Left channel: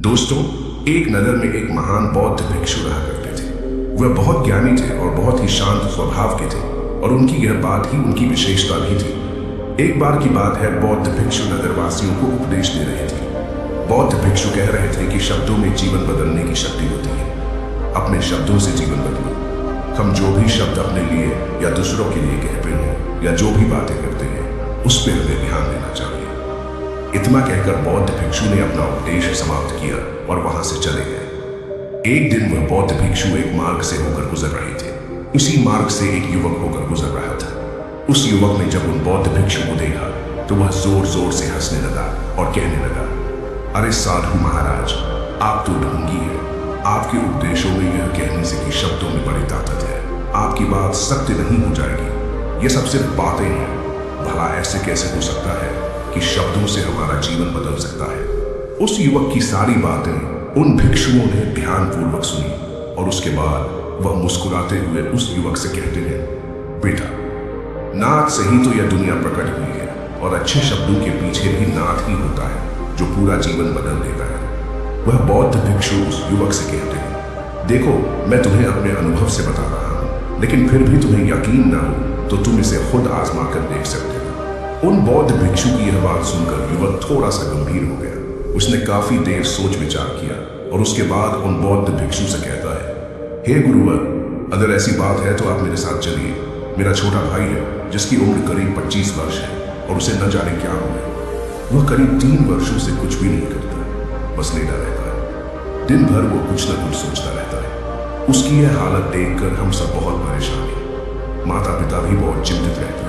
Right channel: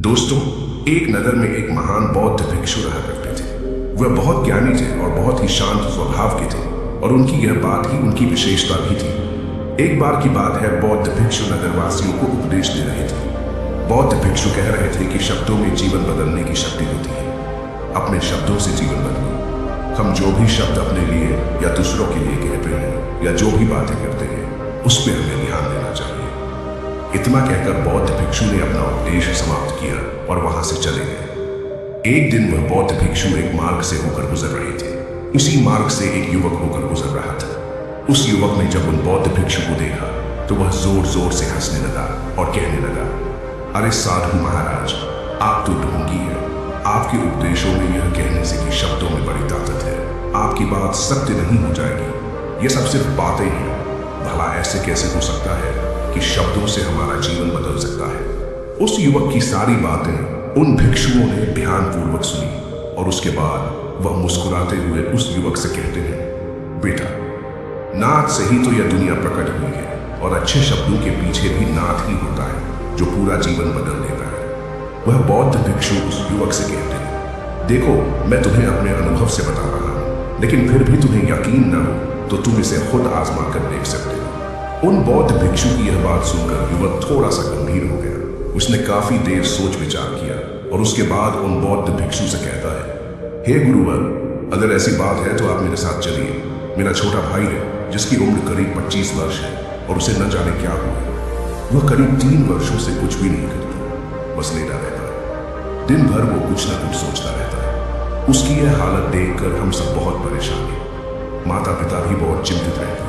दोस्तों, एक नगर में एक महान बौद्ध भिक्षु रहा करते थे। वह बहुत ज्ञानी थे और बहुत ही शांत स्वभाव के थे और उनकी यह बात ही उनकी विशेषता भी थी। एक बार की बात है, बौद्ध भिक्षु नगरवासियों को उपदेश दे रहे थे। बौद्ध भिक्षु कह रहे थे कि शब्दों में जीवन बदलने की शक्ति होती है। अपने शब्दों से जीवन बदलो। हम जो भी शब्द अपने लिए या दूसरों के लिए कहते हैं या जो भी बातें करते हैं, उस पर हमें ध्यान देना चाहिए। इतना कहकर बौद्ध भिक्षु ने अपना उपदेश समाप्त किया और वहां से चले गए। एक दिन वह बौद्ध भिक्षु एक मार्ग से होकर गुजर रहे थे। उसी मार्ग से एक युवक होकर गुजर रहा था। उस युवक ने जब उन बौद्ध भिक्षु को देखा तो वह जोर जोर से हंसने लगा और कहने लगा, अरे साधु महाराज, आप तो ढोंगी है। आपके उपदेशों में यह कहने से कि शब्दों में बड़ी ताकत है, आपकी बात सत्य नहीं हो जाएगी। ये सब सिर्फ बातें हैं। भला ऐसे कैसे हो सकता है कि शब्दों से हमारा जीवन बदल सकता है? उस युवक की सारी बातें उन भिक्षुओं ने ध्यानपूर्वक सुनी और उसके बाद वह मुस्कुराते हुए उस युवक से कहते हैं, बेटा, नाथ से ही तो यह दुनिया प्रकट हुई है और अच्छे शब्दों के पीछे भी नाथ ही होता है जो पूरा जीवन बदल देता है। वह बौद्ध भिक्षु उस युवक से कहते हैं, देखो, मैं तुम्हें अपने अनुभव से बता रहा हूं, लेकिन फिर भी तुम्हें यकीन ना हो तो तुम इसे खुद आजमा कर देख सकते हो। उन बौद्ध भिक्षु की यह बात सुनकर युवक थोड़ा सा गंभीर हो गया। उसने काफी देर सोच विचार किया और उसके बाद उन बौद्ध भिक्षु से कहता है, हे गुरुवर, अगर ऐसी बात है तो आप मेरे साथ चलिए। मेरा छोटा भाई है जिसकी उम्र करीब 25 वर्ष है और उसे न जाने क्या हुआ है। वह करीब 3 वर्षों से कुछ भी नहीं करता, बस लेटा रहता है। दिन भर वो कुछ न कुछ सोचता रहता है। उसकी यह हालत देखकर हम सब बहुत परेशान हैं। माता पिता भी बहुत चिंतित रहते हैं।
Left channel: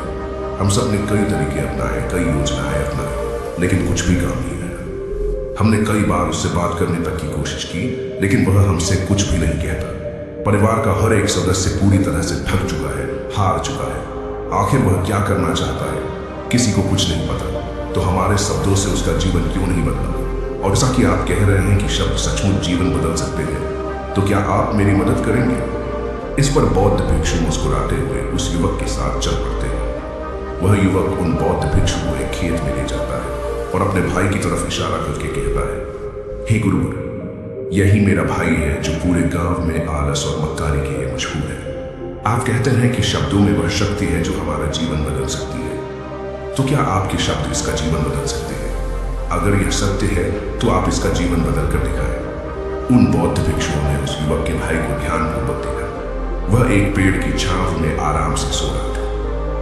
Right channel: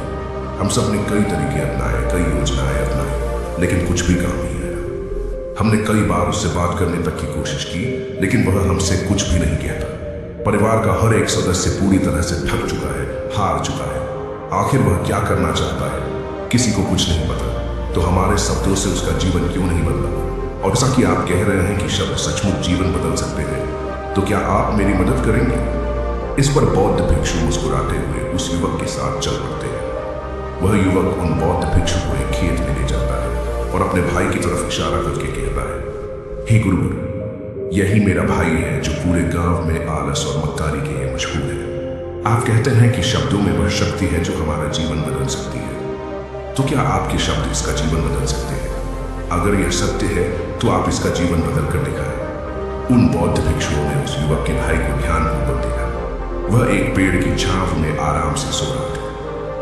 हम सब ने कई तरीके अपनाए, कई योजनाएं अपनाई, लेकिन कुछ भी काम नहीं आया। हमने कई बार उससे बात करने तक की कोशिश की, लेकिन वह हमसे कुछ भी नहीं कहता। परिवार का हर एक सदस्य पूरी तरह से थक चुका है, हार चुका है। आखिर वह क्या करना चाहता है, किसी को कुछ नहीं पता। तो हमारे शब्दों से उसका जीवन क्यों नहीं बदला? और जैसा कि आप कह रहे हैं कि शब्द सचमुच जीवन बदल सकते हैं, तो क्या आप मेरी मदद करेंगे? इस पर बौद्ध भिक्षु मुस्कुराते हुए उस युवक के साथ चल पड़ते हैं। वह युवक उन बौद्ध भिक्षु को एक खेत में ले जाता है और अपने भाई की तरफ इशारा करके कहता है, हे गुरुवर, यही मेरा भाई है जो पूरे गांव में आलस और मक्कारी के लिए मशहूर है। आप कहते हैं कि शब्दों में वह शक्ति है जो हमारा जीवन बदल सकती है। तो क्या आपके शब्द इसका जीवन बदल सकते हैं? अगर यह सत्य है तो आप इसका जीवन बदल कर दिखाएं। उन बौद्ध भिक्षुओं ने उस युवक के भाई को ध्यानपूर्वक देखा। वह एक पेड़ की छांव में आराम से सो रहा था।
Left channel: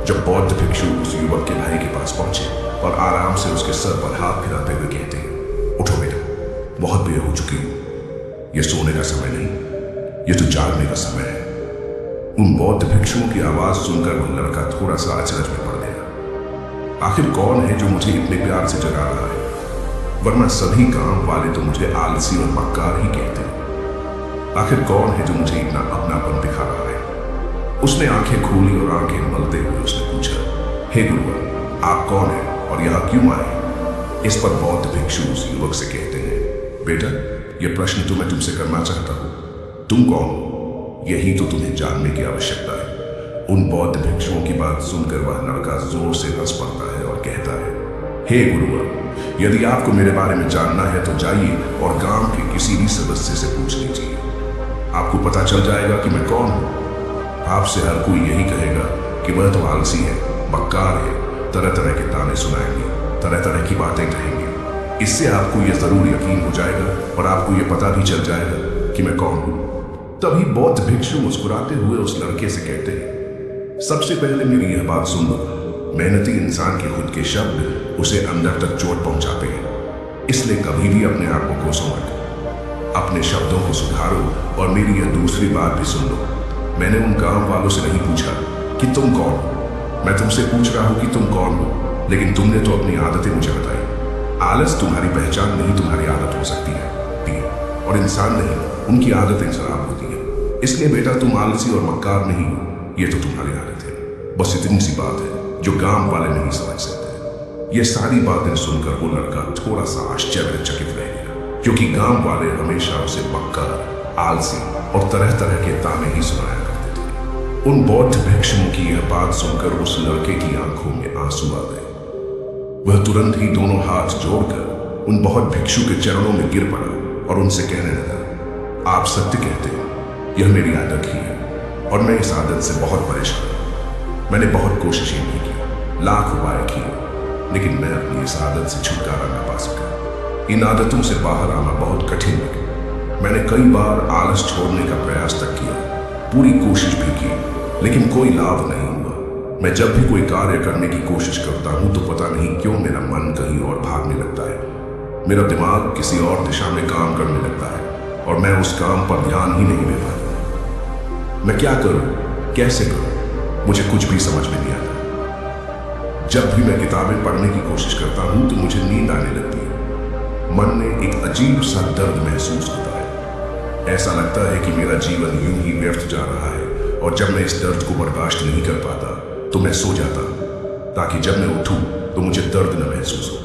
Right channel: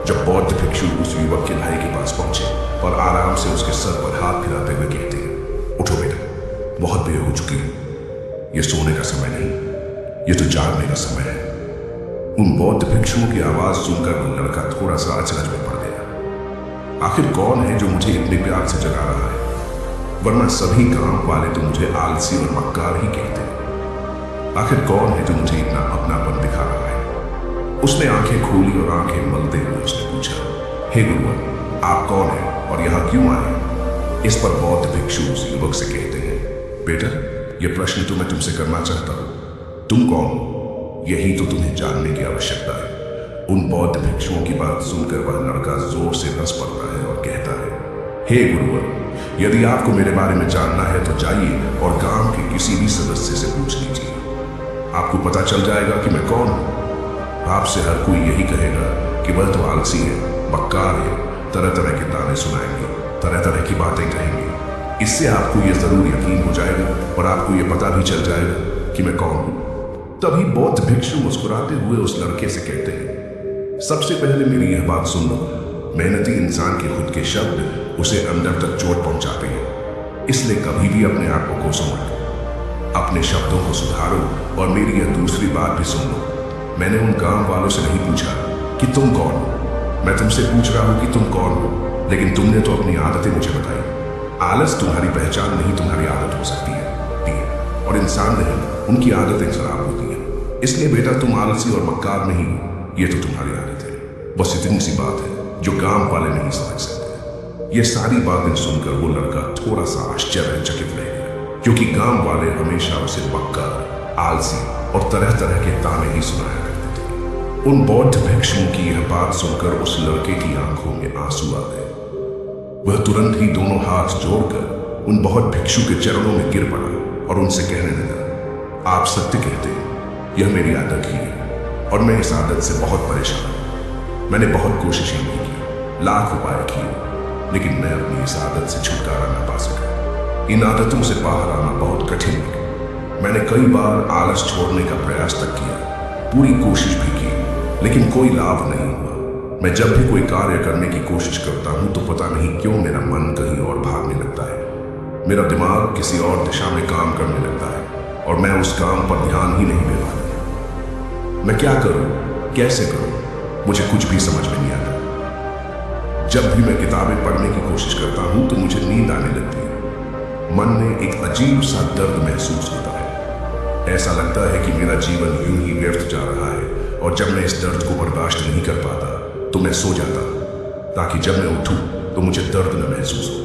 जब बौद्ध भिक्षु उस युवक के भाई के पास पहुंचे और आराम से उसके सर पर हाथ फिराते हुए कहते हैं, उठो बेटा, बहुत देर हो चुकी है। यह सोने का समय नहीं, यह तो जागने का समय है। उन बौद्ध भिक्षुओं की आवाज सुनकर वह लड़का थोड़ा सा अचरज में पड़ गया। आखिर कौन है जो मुझे इतने प्यार से जगा रहा है? वरना सभी गांव वाले तो मुझे आलसी और मक्कार ही कहते हैं। आखिर कौन है जो मुझे इतना अपनापन दिखा रहा है? उसने आंखें खोली और आंखें मलते हुए उसने पूछा, हे गुरुवर, आप कौन हैं और यहाँ क्यों आए? इस पर बौद्ध भिक्षु उस युवक से कहते हैं, बेटा, यह प्रश्न तो मैं तुमसे करना चाहता हूँ। तुम कौन हो, यही तो तुम्हें जानने की आवश्यकता है। उन बौद्ध भिक्षुओं की बात सुनकर वह लड़का जोर से हंस पड़ता है और कहता है, हे गुरुवर, यदि आपको मेरे बारे में जानना है तो जाइए और गांव के किसी भी सदस्य से पूछ लीजिए। आपको पता चल जाएगा कि मैं कौन हूं। आपसे हर कोई यही कहेगा कि वह तो आलसी है, मक्कार है, तरह तरह के ताने सुनाएंगे, तरह तरह की बातें कहेंगे। इससे आपको यह जरूर यकीन हो जाएगा और आपको यह पता भी चल जाएगा कि मैं कौन हूं। तभी बौद्ध भिक्षु मुस्कुराते हुए उस लड़के से कहते हैं, सबसे पहले मेरी यह बात सुन लो। मेहनती इंसान के खुद के शब्द उसे अंदर तक चोट पहुंचाते हैं। इसलिए कभी भी अपने आप को कोसो मत। अपने शब्दों को सुधारो। और मेरी यह दूसरी बात भी सुन लो। मैंने उन गांव वालों से नहीं पूछा कि तुम कौन हो। मैं तुमसे पूछ रहा हूं कि तुम कौन हो, लेकिन तुमने तो अपनी आदतें मुझे बताई। आलस तुम्हारी पहचान नहीं, तुम्हारी आदत हो सकती है। और इंसान नहीं, उनकी आदतें खराब होती हैं। इसलिए बेटा, तुम आलसी और मक्कार नहीं हो, यह तो तुम्हारी आदत है। बस इतनी सी बात है जो गांव वाले नहीं समझ सकते। यह सारी बातें सुनकर वो लड़का थोड़ा सा आश्चर्यचकित रह गया, क्योंकि गांव वाले हमेशा उसे मक्कार, आलसी और तरह तरह के ताने ही सुनाया करते थे। उन बौद्ध भिक्षुओं की यह बात सुनकर उस लड़के की आंखों में आंसू आ गए। वह तुरंत ही दोनों हाथ जोड़कर उन बौद्ध भिक्षु के चरणों में गिर पड़ा और उनसे कहने लगा, आप सत्य कहते हैं, यह मेरी आदत ही है और मैं इस आदत से बहुत परेशान हूं। मैंने बहुत कोशिशें भी की, लाख उपाय किए, लेकिन मैं अपनी इस आदत से छुटकारा ना पा सका। इन आदतों से बाहर आना बहुत कठिन लगा। मैंने कई बार आलस छोड़ने का प्रयास तक किया, पूरी कोशिश भी की, लेकिन कोई लाभ नहीं हुआ। मैं जब भी कोई कार्य करने की कोशिश करता हूं तो पता नहीं क्यों मेरा मन कहीं और भागने लगता है। मेरा दिमाग किसी और दिशा में काम करने लगता है और मैं उस काम पर ध्यान ही नहीं दे पाता। मैं क्या करूं, कैसे करूं, मुझे कुछ भी समझ में नहीं आता। जब भी मैं किताबें पढ़ने की कोशिश करता हूं तो मुझे नींद आने लगती है। मन में एक अजीब सा दर्द महसूस होता है। ऐसा लगता है कि मेरा जीवन यूं ही व्यर्थ जा रहा है और जब मैं इस दर्द को बर्दाश्त नहीं कर पाता तो मैं सो जाता हूं ताकि जब मैं उठूं तो मुझे दर्द न महसूस हो।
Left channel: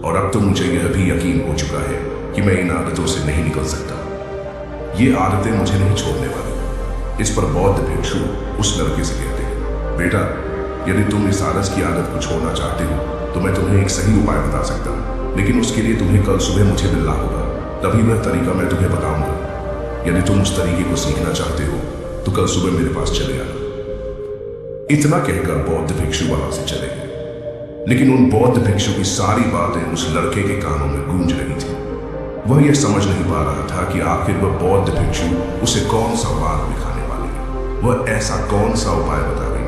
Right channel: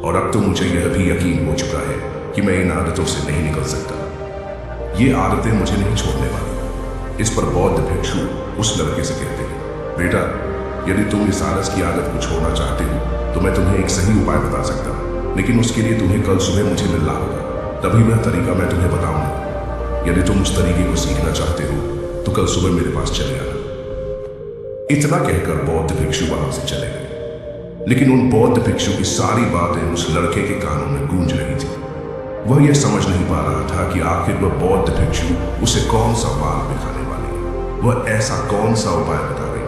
और अब तो मुझे यह भी यकीन हो चुका है कि मैं इन आदतों से नहीं निकल सकता। ये आदतें मुझे नहीं छोड़ने वाली। इस पर बौद्ध भिक्षु उस लड़के से कहते हैं, बेटा, यदि तुम इस आलस की आदत को छोड़ना चाहते हो तो मैं तुम्हें एक सही उपाय बता सकता हूं, लेकिन उसके लिए तुम्हें कल सुबह मुझे मिलना होगा, तभी वह तरीका मैं तुम्हें बताऊंगा। यदि तुम उस तरीके को सीखना चाहते हो तो कल सुबह मेरे पास चले आना। इतना कहकर बौद्ध भिक्षु वहां से चले गए, लेकिन उन बौद्ध भिक्षु की सारी बातें उस लड़के के कानों में गूंज रही थी। वह यह समझ नहीं पा रहा था कि आखिर वह बौद्ध भिक्षु उसे कौन सा मार्ग दिखाने वाले हैं। वह ऐसा कौन सा उपाय बताएंगे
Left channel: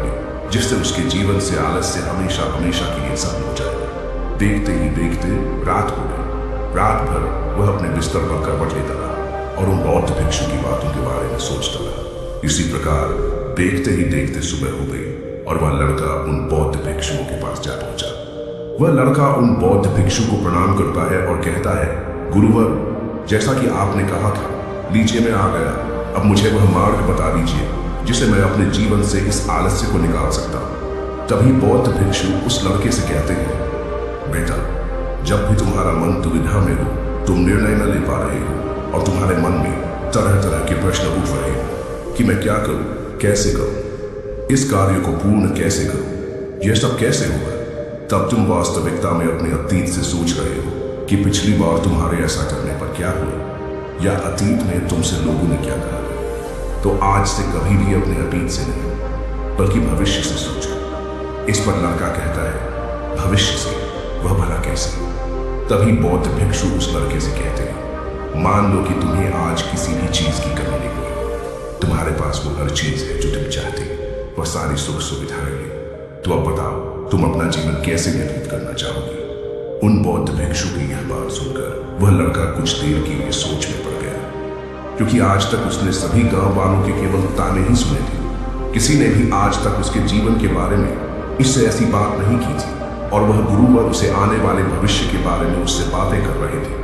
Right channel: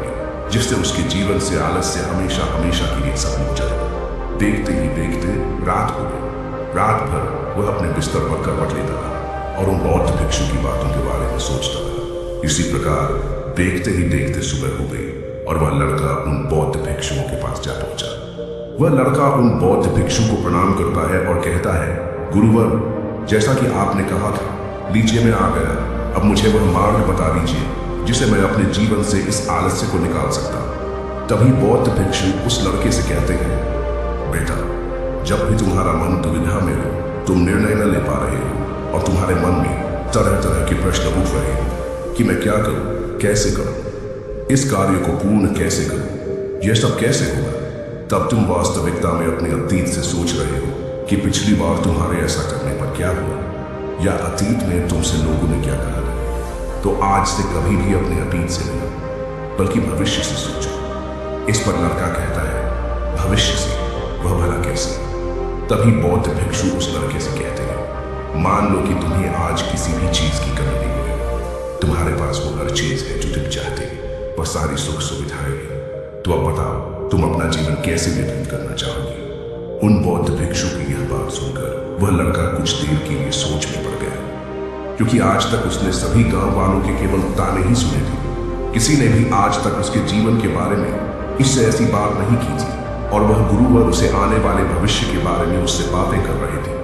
जिससे उसके जीवन से आलस से हमेशा हमेशा के लिए खत्म हो जाएगा। देखते ही देखते रात हो गई। रात भर वह अपने बिस्तर पर करवट लेता रहा और उन बौद्ध भिक्षु की बातों के बारे में सोचता रहा। इसी प्रकार देखते ही देखते सुबह हो गई और वह लड़का उन बौद्ध भिक्षुओं के पास जा पहुंचा। वह लड़का उन बौद्ध भिक्षु को प्रणाम करता है और कहता है, गुरुवर, जैसा कि आपने कहा था, लीजिए मैं आ गया। अब मुझे वह मार्ग बता दीजिए जिसे मैं अपने जीवन से इस आलस्य को निकाल सकता हूं। तभी बौद्ध भिक्षु उस लड़के से कहते हैं, बेटा, जब भी तुम्हारा मन दुविधा में हो, तुम निर्णय न ले पा रहे हो और तुम्हारे मन में तरह तरह के प्रश्न उठ रहे हो कि मैं क्या करूं, कैसे करूं, इस कार्य को पूर्ण कैसे करूं, यह सब कैसे होगा, तब तुम वास्तविकता में अपने अतीत से सोच रहे हो कि पिछली बार तुम्हारे ऐसा करने पर क्या हुआ या अतीत में तुमसे लोगों ने क्या कहा। तो आज से कभी भी अपने अतीत से नहीं बल्कि भविष्य से सोचो। इस पर लड़का कहता है, भविष्य से, वह भला कैसे? तभी बौद्ध भिक्षु उस लड़के से कहते हैं, मान लो कि तुम्हें आज किसी भी चीज की कमी नहीं हुई, तुम्हारे पास वो हर चीज है जो तुम चाहते हो, वह सारी सुख सुविधाएं हैं। तो अब बताओ, तुम अपना जीवन कैसे व्यतीत करना चाहोगे? उन बौद्ध भिक्षु की यह बात सुनकर वह लड़का कुछ देर के लिए सोच में पड़ गया, क्योंकि आज तक उसने सभी गांव वालों के केवल ताने ही सुने थे। किसी ने भी आज तक उसके जीवन के बारे में इससे ऐसी बात नहीं की थी और वह गुरुवर उसे आने वाले भविष्य के बारे में उससे बातें कर रहे थे।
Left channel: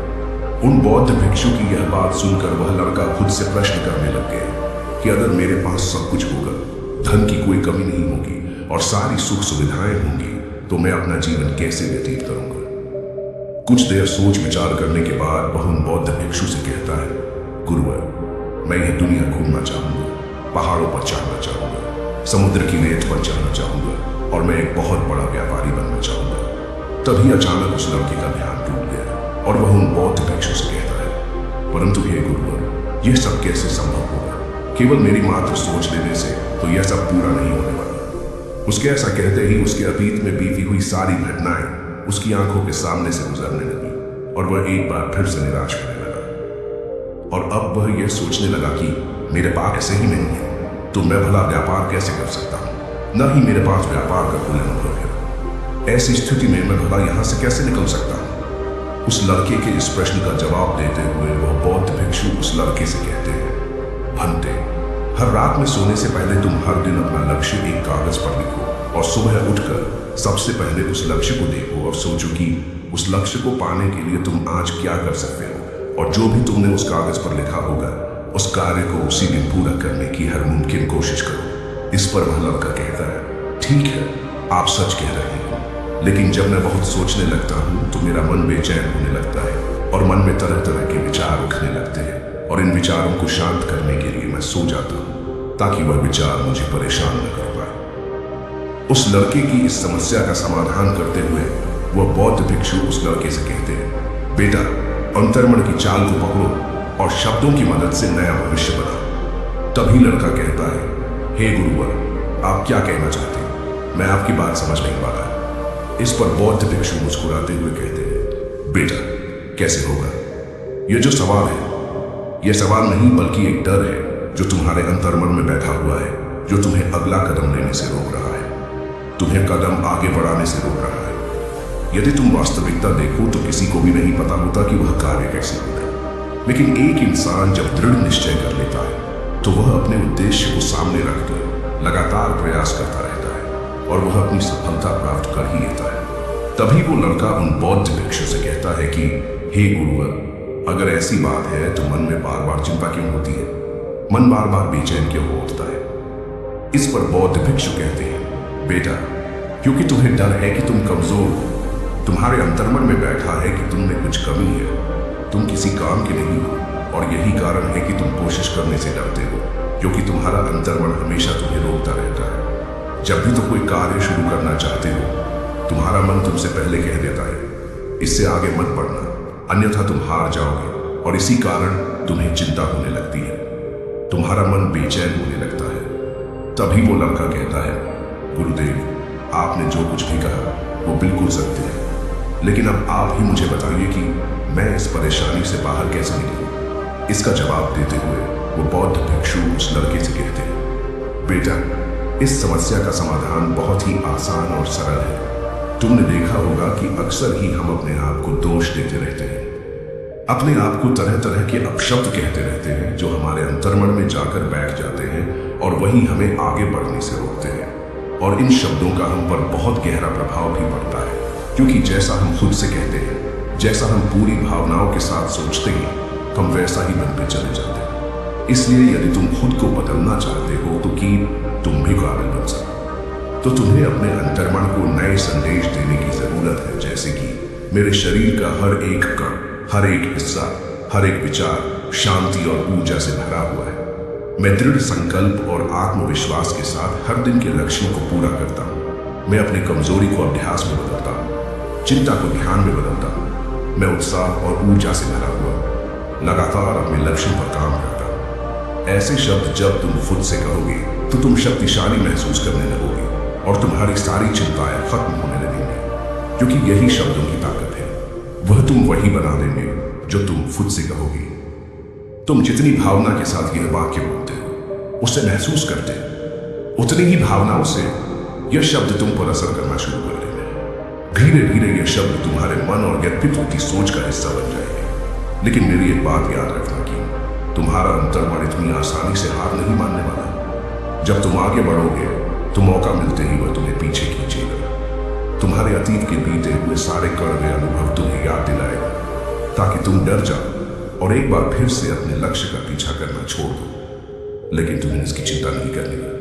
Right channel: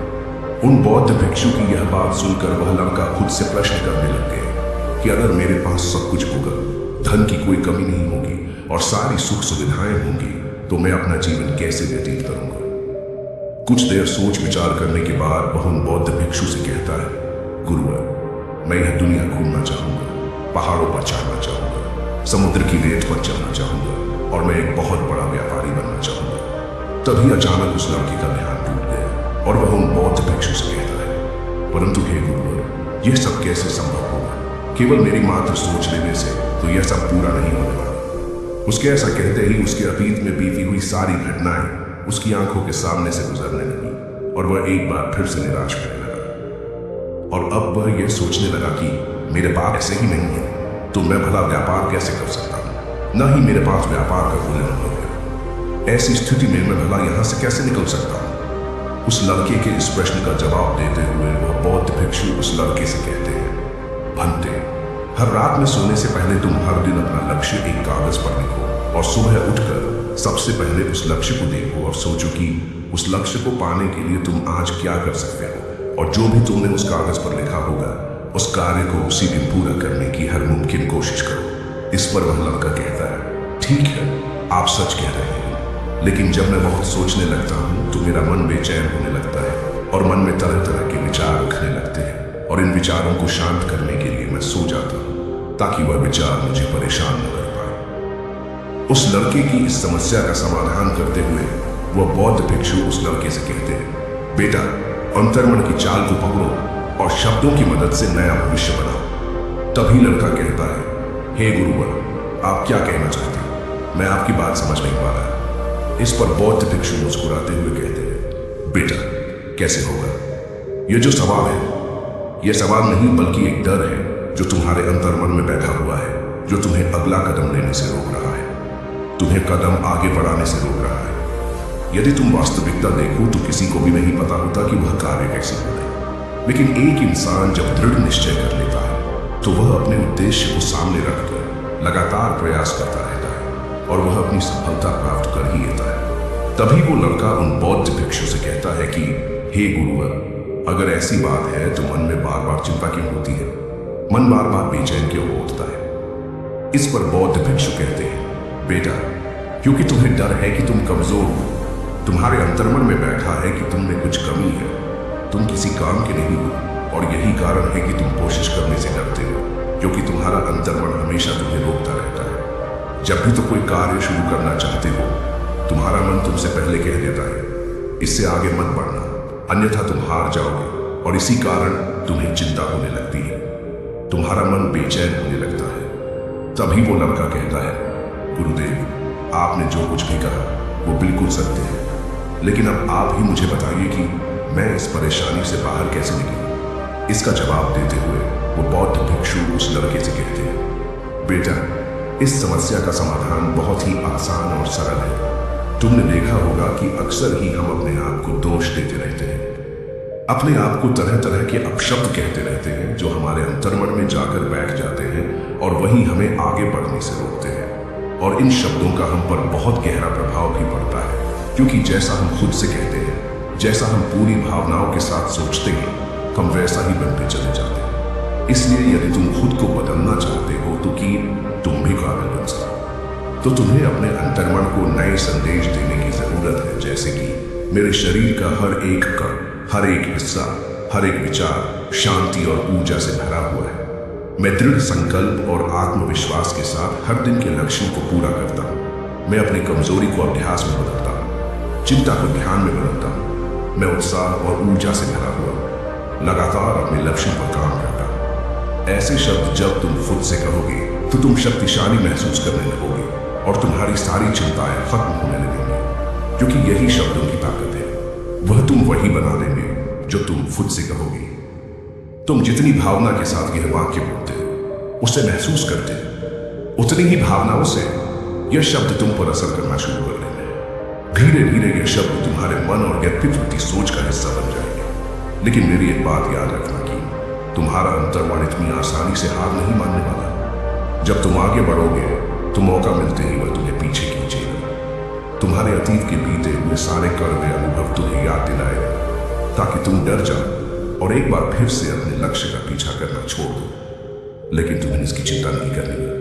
उन बौद्ध भिक्षु की यह बात सुनकर वह लड़का खुद से प्रश्न करने लग गया कि अगर मेरे पास सब कुछ होगा, धन की कोई कमी नहीं होगी और सारी सुख सुविधाएं होंगी, तो मैं अपना जीवन कैसे व्यतीत करूंगा? कुछ देर सोच विचार करने के बाद वह उन बौद्ध भिक्षु से कहता है, गुरुवर, मैं यह दुनिया घूमना चाहूंगा, पहाड़ों पर चढ़ना चाहूंगा, समुद्र की रेत पर चढ़ना चाहूंगा और मैं एक बहुत बड़ा व्यापारी बनना चाहूंगा। तभी अचानक उस लड़के का ध्यान टूट गया और वह उन बौद्ध भिक्षु से कहता है, परंतु हे गुरुवर, यह सब कैसे संभव होगा? केवल मेरी मात्र सोच लेने से तो यह सब पूरा नहीं होने वाला। उसके ऐसा कहते ही उसके अतीत में बीती हुई सारी घटनाएं उसकी आंखों के सामने से गुजरने लगी और वह एक बार फिर से निराश होने लगा। और अब वह यह सोचने लगा कि मेरे पास ऐसे ही नहीं है तो मैं भला व्यापार कैसे कर सकता हूं? न ही मेरे पास व्यापार का कोई अनुभव है। ऐसी स्थिति में मैं भला यहां से कैसे निकल सकता हूं? उस लड़के के इस प्रश्न का जवाब देते हुए वह बौद्ध भिक्षु उस लड़के से कहते हैं, भंते, हर रात में सोने से पहले तुम हर दिन अपना लक्ष्य एक कागज पर लिखो और सुबह उठकर सबसे पहले उस लक्ष्य को देखो और सोचो कि उस लक्ष्य को पाने के लिए तुम आज क्या कर सकते हो और जो भी तुमने उस कागज पर लिखा होगा उस कार्य को उसी दिन पूरा करने की हर मुमकिन कोशिश करो। इस पर वह लड़का कहता है, ठीक है, आप सच कह रहे हैं, लेकिन जब मैं बहुत सोचने लगता हूं तो मेरा मन बेचैन होने लगता है और मन में तरह तरह के विचार उठने लगते हैं और इन विचारों को शांत करने के लिए मैं सो जाता हूं ताकि वह विचार मुझे परेशान न कर पाए। उस लड़के की इस समस्या का समाधान करते हुए वह बौद्ध भिक्षु उस लड़के से कहते हैं, बेटा, अंतर्मन की चाल को पकड़ो और शब्दों की मदद से नया भविष्य बनाओ। तभी लड़का कहता है, हे गुरुवर, आप क्या कहना चाहते हैं? मैं आपकी बात समझ नहीं पा रहा। इस पर बौद्ध भिक्षु मुस्कुराते हुए कहते हैं, बेटा कैसे होगा? यह जो सवाल है, यह सवाल नहीं बल्कि एक डर है जो तुम्हारे अंतर्मन में बैठा हुआ है, जो तुम्हें अगला कदम लेने से रोक रहा है, तुम्हें कदम आगे बढ़ाने से रोक रहा है। यदि तुम वास्तविकता देखो तो किसी को भी नहीं पता होता कि वह कार्य कैसे होता है, लेकिन एक इंसान जब दृढ़ निश्चय कर लेता है तो वह अपने उद्देश्य को सामने रखकर लगातार प्रयास करता रहता है और वह अपनी सफलता प्राप्त कर ही लेता है। तभी वो लड़का उन बौद्ध भिक्षु से कहता है कि हे गुरुवर, अगर ऐसी बात है तो मन में बार बार चिंता क्यों होती है? मन बार बार बेचैन क्यों हो उठता है? इस पर बौद्ध भिक्षु कहते हैं, बेटा क्योंकि तुम्हें डर है कि तुम कमजोर हो। तुम्हारे अंतर्मन में बैठा है कि तुम में कुछ कमी है, तुम किसी काम के नहीं हो, और यही कारण है कि तुम कोशिश करने से डरते हो, क्योंकि तुम्हारा अंतर्मन हमेशा तुम्हें रोकता रहता है। जब भी तुम कोई कार्य शुरू करना चाहते हो, तुम्हारा मन तुमसे पहले कह देता है, इससे आगे मत बढ़ना, अन्यथा तुम हार जाओगे, और इसी कारण तुम्हें चिंता होने लगती है, तुम्हारा मन बेचैन होने लगता है। तभी वो लड़का कहता है, गुरुदेव, आपने जो कुछ भी कहा वो बिल्कुल सत्य है, लेकिन अब आप ही मुझे बताइए कि मैं इस परेशानी से बाहर कैसे निकलूं? इसका जवाब देते हुए वो बौद्ध भिक्षु उस लड़के से कहते हैं, बेटा इस समस्या का समाधान बहुत ही आसान और सरल है। तुमने देखा होगा कि अक्सर ही हम अपने आप को दोष देते रहते हैं, अपने आप को तरह तरह के अपशब्द कहते रहते हैं जो हमारे अंतर्मन में जाकर बैठ जाते हैं और वही हमें आगे बढ़ने से रोकते हैं। और इन शब्दों का हम पर बहुत गहरा प्रभाव भी पड़ता है, क्योंकि जैसा हम खुद से कहते हैं, जैसा हम पूरी भावनाओं के साथ सोचते हैं, हम वैसा ही बनते चले जाते हैं। इसलिए यदि तुम खुद को बदलना चाहते हो तो कि तुम भी काबिल बन सको, तो तुम्हें अपने अंतर्मन को नए संदेश देने की जरूरत है, जैसे कि मेरे शरीर का हर एक कण, हर एक हिस्सा, हर एक विचार शांति और ऊर्जा से भरा हुआ है। मैं दृढ़ संकल्प और आत्मविश्वास के साथ हर दिन के लक्ष्यों को पूरा करता हूँ। मैं अपनी कमजोरी को अभ्यास में बदलता हूँ, चिंता को ध्यान में बदलता हूँ। मैं उत्साह और ऊर्जा से भरा हुआ हूँ, लगातार अपने लक्ष्यों पर काम करता हूँ। ऐसे शब्द जब तुम खुद से कहोगे तो तुम शक्तिशाली महसूस करने लगोगे और तुम्हारी सारी चिंताएं खत्म होने लगेंगी, क्योंकि यही शब्दों की ताकत है। वह तुम वही बना देंगे जो तुम खुद से कहोगे। तुम जितनी भावना के साथ यह वाक्य बोलते हो, उसे महसूस करते हो, उतनी ही भावनाओं से यह शब्द तुम पर असर करना शुरू कर देंगे। धीरे धीरे यह शब्द तुम्हारे मन और व्यक्तित्व की सोच का हिस्सा बन जाएंगे। लेकिन मेरी एक बात याद रखना कि तुम्हारा अंतर्मन इतनी आसानी से हार नहीं मानने वाला। जब तुम आगे बढ़ोगे तो मौका मिलते ही वह तुम्हें पीछे खींचेगा। तुम्हारे अतीत के बीते हुए सारे कड़वे अनुभव तुम्हें याद दिलाएगा, ताकि तुम डर जाओ और एक बार फिर से अपने लक्ष्य का पीछा करना छोड़ दो। लेकिन तुम्हें इसकी चिंता नहीं करनी है।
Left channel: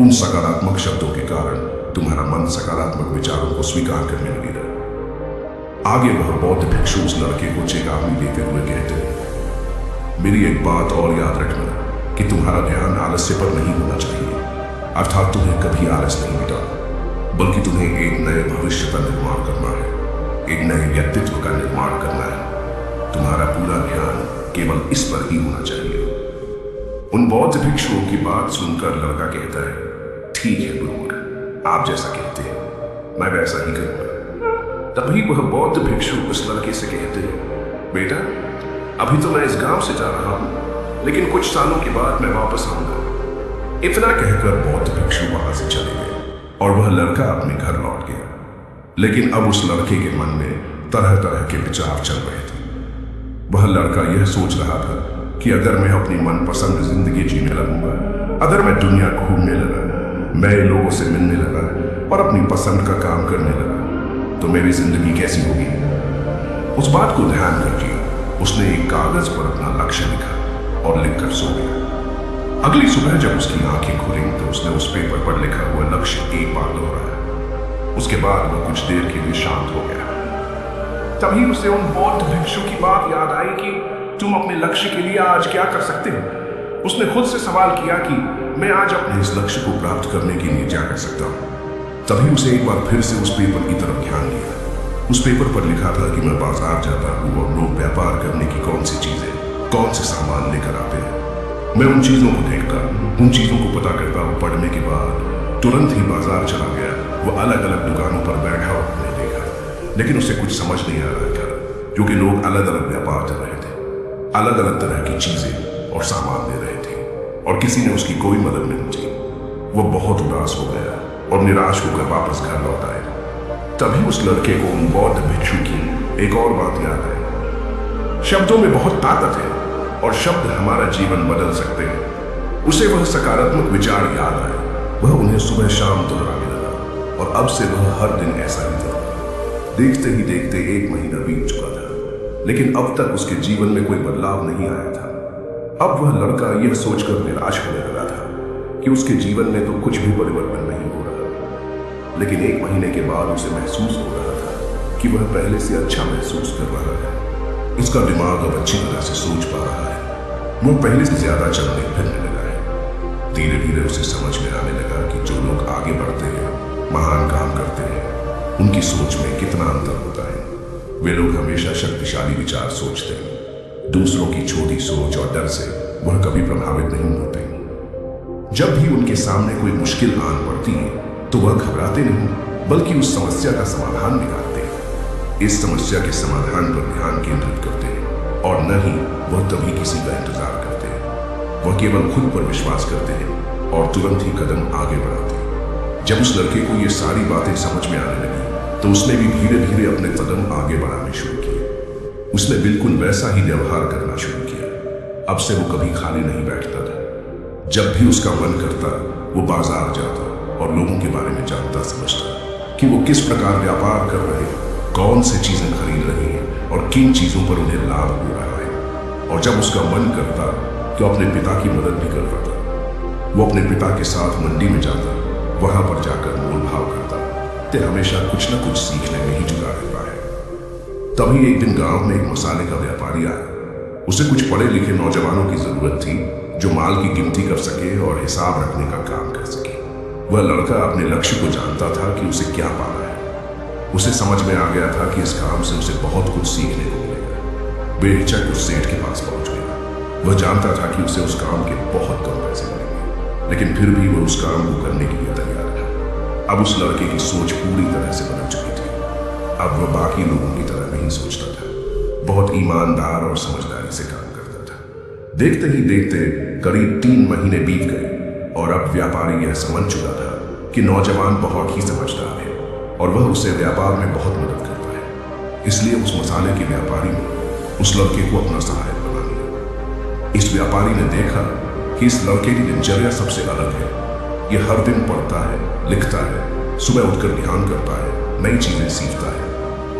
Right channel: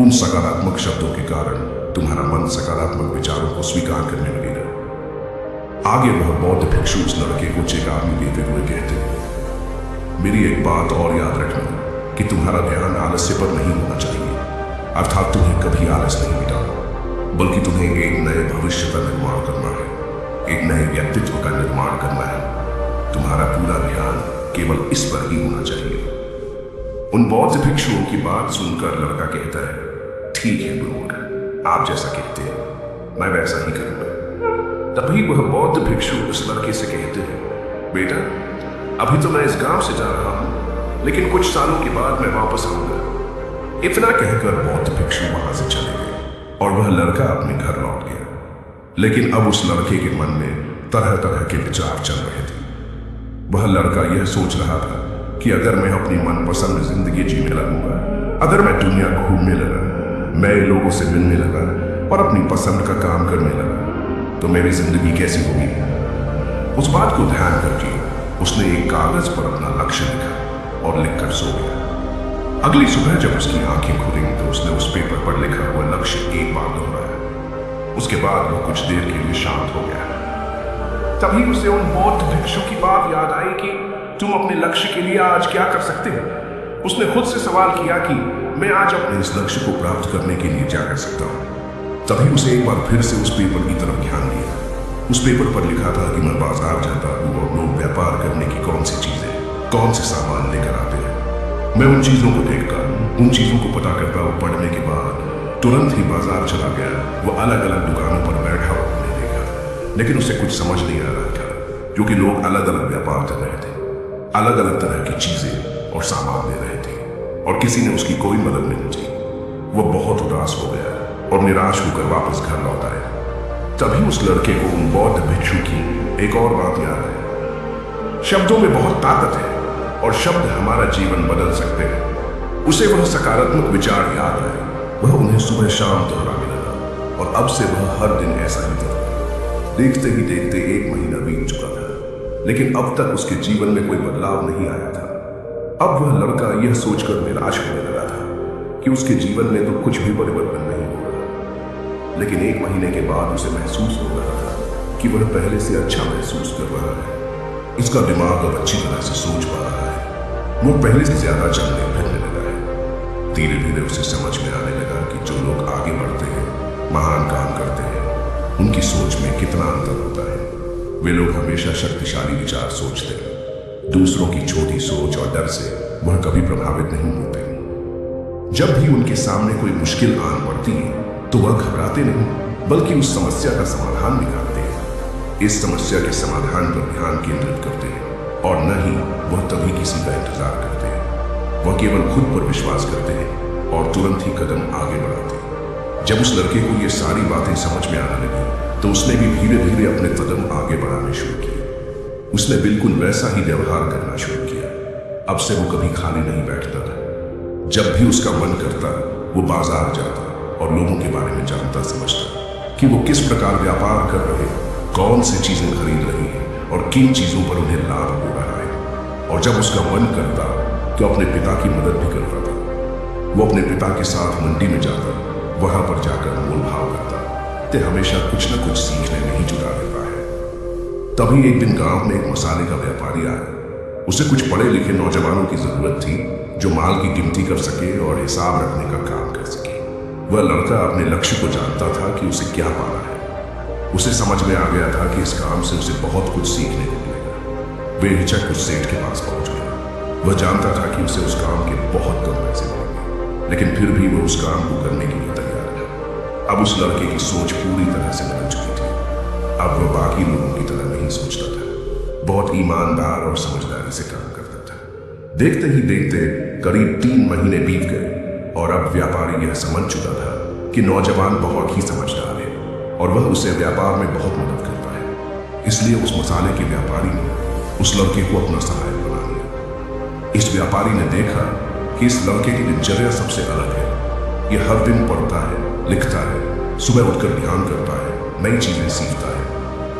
उन सकारात्मक शब्दों के कारण तुम्हारा मन सकारात्मक विचारों को स्वीकार करने लगेगा। आगे वह बौद्ध भिक्षु उस लड़के को चेतावनी देते हुए कहते हैं, मेरी एक बात और याद रखना कि तुम्हारा ध्यान आलस्य पर नहीं होना चाहिए, अर्थात तुम्हें कभी आलस नहीं मिटाना, बल्कि तुम्हें एक नए भविष्य का निर्माण करना है, एक नए व्यक्तित्व का निर्माण करना है। तुम्हारा पूरा ध्यान केवल इस पर ही होना चाहिए। उन बौद्ध भिक्षुओं की बात सुनकर लड़का कहता है, ठीक है गुरुवर, आप जैसा कहते हैं मैं वैसा ही करूंगा। तभी वह बौद्ध भिक्षु उस लड़के से कहते हैं, बेटा अभी तो मैं इस गांव से जा रहा हूं, लेकिन कुछ सालों के बाद मैं वापस आऊंगा। इतना कहकर बौद्ध भिक्षु वहां से चले गए और वह लड़का अपने घर लौट गया। लेकिन अब उस लड़के के मन में तरह तरह के विचार चल रहे थे। वह लड़का यह सोच रहा था कि अगर मैं अपनी मनपसंद जिंदगी जीने लगूंगा, अगर मैं दुनिया घूमने लगा, नए लोगों से मिलने लगा और अपनी पसंद का काम करने लगा, तो मेरी जिंदगी कैसी होगी। उस बात को ध्यान करके उसने एक कागज पर अपना लक्ष्य लिखा और लिखकर सो गया। अगली सुबह जब उसकी आंखें खुली तो उसने उस पेपर पर लिखा हुआ लक्ष्य एक बार दोहराया। उसके बाद वह कुछ देर के लिए शांत हो गया। तभी उसे उन बौद्ध भिक्षु की बात याद आई कि तुम अपने लक्ष्य के लिए आज क्या कर सकते हो। उसने खुद से सवाल किया कि मैं आज अपने इस लक्ष्य को प्राप्त करने के लिए क्या कर सकता हूँ। तभी उसे एक बार फिर से उस पेपर की तरफ ध्यान दिया। उस पेपर पर लिखा था कि मैं बाजार जाता हूँ और लोग व्यापार करने की कौन सी चीज है, कौन से सामान लेकर आते हैं। मैं उन चीजों को देखकर, उन चीजों को पता करता हुआ पढ़ने के बाद तुरंत ही बाजार चला गया। वो अलग अलग दुकानों पर बैठा और हमने देखा, लेकिन उसे कुछ समझ नहीं आ रहा था, क्योंकि लोग अलग अलग व्यापार कर रहे थे, अलग अलग तरह की चीजें और सामान ले रहे थे, और किसी ने उसकी कोई मदद नहीं की। वो बहुत उदास हो गया और निराश होकर वापस घर लौट आया। तभी उस लड़के को उन बौद्ध भिक्षु की एक और बात याद आई। शब्दों में बहुत ताकत है और शब्द हमारा जीवन बदल सकते हैं। उसे वह सकारात्मक विचार याद आए। वह उन्हें सुबह शाम दोहराने लगा और अब से वह हर दिन ऐसा ही करता। देखते ही देखते 1 महीना बीत चुका था, लेकिन अब तक उसके जीवन में कोई बदलाव नहीं आया था। अब वह लड़का यह सोचकर निराश होने लगा था कि उसके जीवन में तो कुछ भी परिवर्तन नहीं हो रहा। लेकिन 1 महीने के बाद उसे महसूस हो रहा था कि वह पहले से अच्छा महसूस कर रहा है। इसका दिमाग अब अच्छी तरह से सोच पा रहा है। वो पहले से ज्यादा चलने फिरने लगा है। धीरे धीरे उसे समझ में आने लगा कि जो लोग आगे बढ़ते हैं, महान काम करते हैं, उनकी सोच में कितना अंतर होता है। वे लोग हमेशा शक्तिशाली विचार सोचते हैं। दूसरों की छोटी सोच और डर से वह कभी प्रभावित नहीं होते। जब भी उनके सामने कोई मुश्किल आन पड़ती है तो वह घबराते नहीं, बल्कि उस समस्या का समाधान निकालते हैं। इस समस्या के समाधान पर ध्यान केंद्रित करते हैं और न ही वह तभी किसी का इंतजार करते हैं। वह केवल खुद पर विश्वास करते हैं और तुरंत ही कदम आगे बढ़ाते हैं। जब उस लड़के को ये सारी बातें समझ में आने लगी तो उसने भी धीरे धीरे अपने कदम आगे बढ़ाने शुरू किए। उसने बिल्कुल वैसा ही व्यवहार करना शुरू किया। अब से वो कभी खाली नहीं बैठता था। जब भी उसका मन करता वो बाजार जाता और लोगों के बारे में जानता समझता कि वो किस प्रकार व्यापार कर रहे हैं, कौन सी चीजें खरीद रहे हैं और किन चीजों पर उन्हें लाभ हो रहा है। और जब उसका मन करता कि अपने पिता की मदद भी कर पाता, वो अपने पिता के साथ मंडी में जाता, वहां पर जाकर मोल भाव करता। ते हमेशा कुछ न कुछ सीखने में ही जुड़ा रहता है। तभी एक दिन गांव में एक मसाले का व्यापारी आया। उसे कुछ पढ़े लिखे नौजवानों की जरूरत थी जो माल की गिनती कर सके और हिसाब रखने का काम कर सके। वह लड़का अपने लक्ष्य को जानता था कि उसे क्या पाना है। उसे समझ में आ गया था कि इस काम से उसे बहुत कुछ सीखने को मिलेगा। बेहिचक उस सेठ के पास पहुंच गया। वह जानता था कि उसे उस काम के बहुत कम पैसे मिलेंगे, लेकिन फिर भी वह उस काम को करने के लिए तैयार था। अब उस लड़के की सोच पूरी तरह से बदल चुकी थी। अब वह बाकी लोगों की तरह नहीं सोचता था, बहुत ईमानदार और समझदारी से काम करता था। देखते ही देखते करीब 3 महीने बीत गए और अब व्यापारी यह समझ चुका था कि नौजवान बहुत ही समझदार है और वह उसे व्यापार में बहुत मदद करता है। इसलिए उस मसाले के व्यापारी ने उस लड़के को अपना सहायक बना लिया। इस व्यापारी ने देखा कि इस लड़के की दिनचर्या सबसे अलग है। यह हर दिन पढ़ता है, लिखता है, सुबह उठकर ध्यान करता है, नई चीजें सीखता है।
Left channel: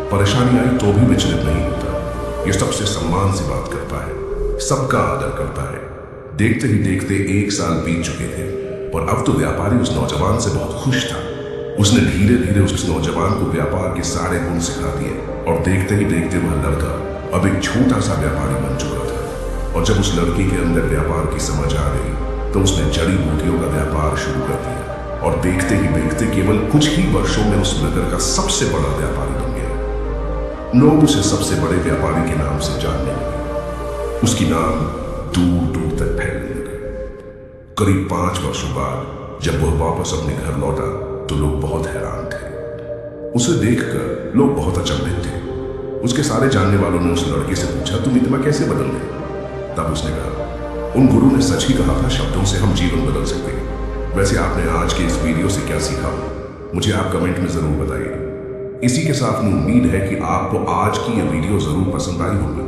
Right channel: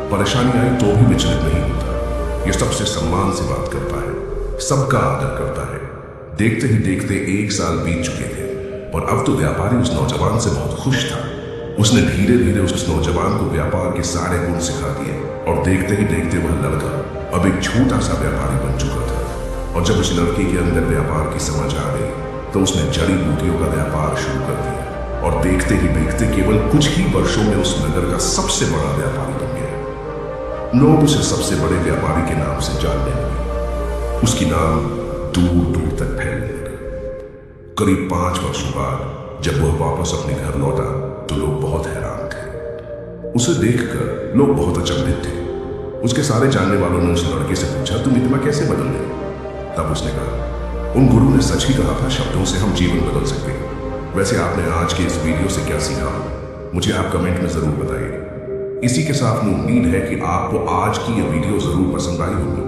परेशानी आई तो भी विचलित नहीं होता। यह सबसे सम्मान से बात करता है, सबका आदर करता है। देखते ही देखते 1 साल बीत चुके थे और अब तो व्यापारी उस नौजवान से बहुत खुश था। उसने धीरे धीरे उस नौजवान को व्यापार के सारे गुण सिखा दिए और देखते ही देखते वह लड़का अब एक छोटा सा व्यापारी बन चुका था। और जब उस लड़के के अंदर व्यापार की समझ आ गई तो उसने जड़ी बूटियों का व्यापार शुरू कर दिया और देखते ही देखते केवल कुछ ही वर्षों में उस नगर का सबसे बड़ा व्यापारी बन गया। लोग उसे सबसे बड़े व्यापारी के नाम से जानने लगे। उसकी नाम दूर दूर तक फैलने लगे। करीब 5 वर्षों बाद जब वह वापस अपने घर लौटा तो लोग बहुत हैरान थे। उसे देखकर लोग बहुत अचंभित थे। उसके सारे जानने वालों ने उस लड़के से पूछा, तुम इतना कैसे बदल गए? तब उसने कहा, उन गुरु ने सच ही कहा था, शब्दों से हम जीवन बदल सकते हैं। वैसे आपने आज के इस वीडियो से क्या सीखा मुझे आप कमेंट में जरूर बताइए। इसी के साथ में उम्मीद है कि आपको आज की यह वीडियो जरूर पसंद आई होगी।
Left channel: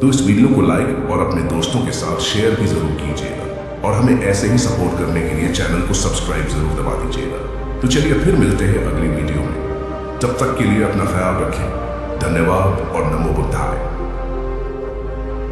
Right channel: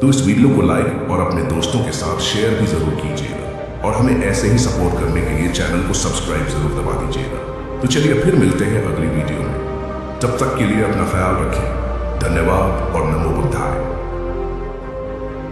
तो इस वीडियो को लाइक और अपने दोस्तों के साथ शेयर भी जरूर कीजिएगा और हमें ऐसे ही सपोर्ट करने के लिए चैनल को सब्सक्राइब जरूर दबा दीजिएगा। तो चलिए फिर मिलते हैं अगली वीडियो में। तब तक के लिए अपना ख्याल रखें। धन्यवाद और नमो बुद्धाय।